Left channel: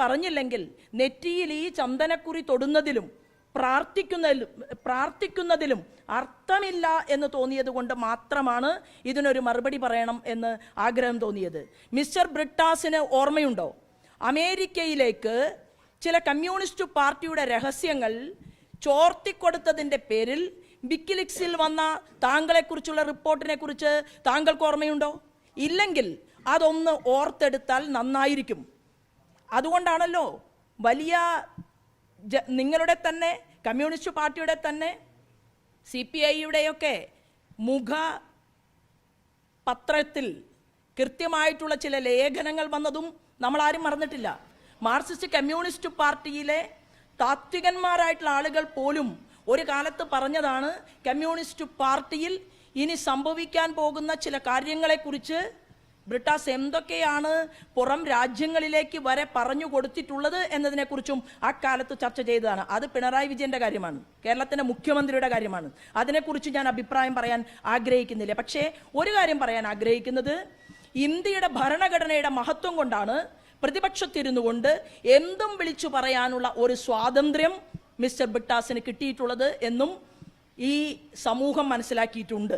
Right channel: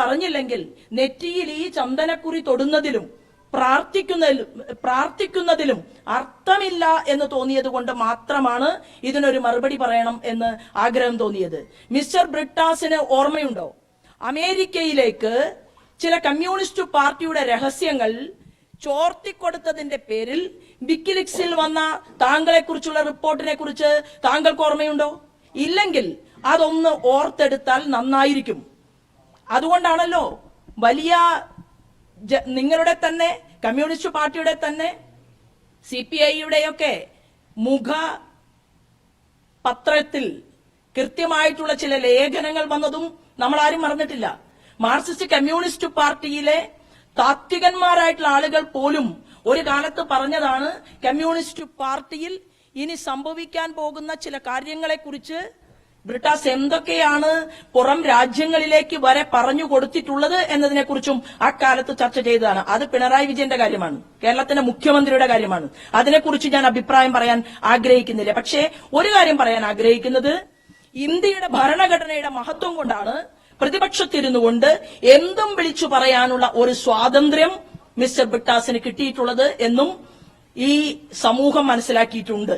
പറഞ്ഞില്ലെങ്കിൽ നെറ്റിയിൽ ഈ ചന്ദനക്കുറി തൊടുന്നതിലും പ്രാർത്ഥിക്കുന്നതിലും അർത്ഥമില്ല എന്ന് തോന്നിയത് കൊണ്ട് മാത്രമാണ് ഇതിനൊരു മറുപടി പറയണം എന്ന് ആഗ്രഹം തോന്നിയത്. മിസ്റ്റർ ബ്രിട്ടാസിന് ഓർമ്മയുണ്ടോ, അമേരിക്കയിലേക്ക് ചില കമ്മ്യൂണിസ്റ്റ് പാർട്ടിയുടെ രഹസ്യങ്ങൾ ചോർത്തിക്കൊടുത്തതിന്റെ പേരിൽ വിക്കിലീക്സിൽ വന്ന താങ്കളെ കുറിച്ചുള്ള റിപ്പോർട്ടിനെ കുറിച്ച് താങ്കൾക്ക് ഓർമ്മയുണ്ടോ? ഇല്ലെങ്കിൽ അതൊന്ന് ഓർത്തെടുത്താൽ നന്നായിരിക്കും. അതുകൊണ്ടാണല്ലോ വലിയ നിങ്ങളുടെ തന്നെ കമ്മ്യൂണിസ്റ്റ് പാർട്ടിയുടെ തന്നെ CPIയുടെയൊക്കെ മുഖ പത്രത്തിൽ കൃത്യമായിട്ടുള്ള ചില ലേഖനങ്ങൾ വന്നതും നമ്മൾ ആരും മറന്നിട്ടില്ല. മാർക്സിസ്റ്റ് കമ്മ്യൂണിസ്റ്റ് പാർട്ടിയിലെ താത്വികന്മാരായിട്ടുള്ള ആളുകൾ പോലും ഒരു കാലത്ത് പറഞ്ഞതാണ്, കമ്മ്യൂണിസ്റ്റ് പാർട്ടിയിൽ ഇനി സംഭവിക്കാൻ പോകുന്ന ചില കാര്യങ്ങളെ കുറിച്ച് ബ്രിട്ടാസ് എന്തൊക്കെയാണ് പുറം രാജ്യങ്ങളിലേക്ക് വരെ പറഞ്ഞു കൊടുത്തിട്ടുള്ളത് എന്നതിനെ കുറിച്ചും അക്കാലത്ത് ചർച്ച ചെയ്തതാണ്. അത് പിണറായി വിജയന്റെ കാര്യമാണ്, കേരളത്തിന്റെ മുഖ്യമന്ത്രിയുടെ കാര്യമാണ്. അതിനെക്കുറിച്ച് ഞാൻ അഭിപ്രായം പറയാൻ ആഗ്രഹിക്കുന്നില്ല. പക്ഷേ ഒരു കാര്യം പറയാൻ ആഗ്രഹിക്കുന്നത്, ഇന്ത്യയുടെ ഭരണഘടനയുടെ മഹത്വം കൊണ്ടാണ് പ്രതിപക്ഷത്തിരുന്നു കൊണ്ട് എന്തും വിളിച്ചു പറയാനുള്ള ഒരു സ്വാതന്ത്ര്യം മിസ്റ്റർ ബ്രിട്ടാസിന് കിട്ടിയിട്ടുള്ളത് എന്നും ഈ സമൂഹം മനസ്സിലാക്കിയിട്ടുണ്ട്.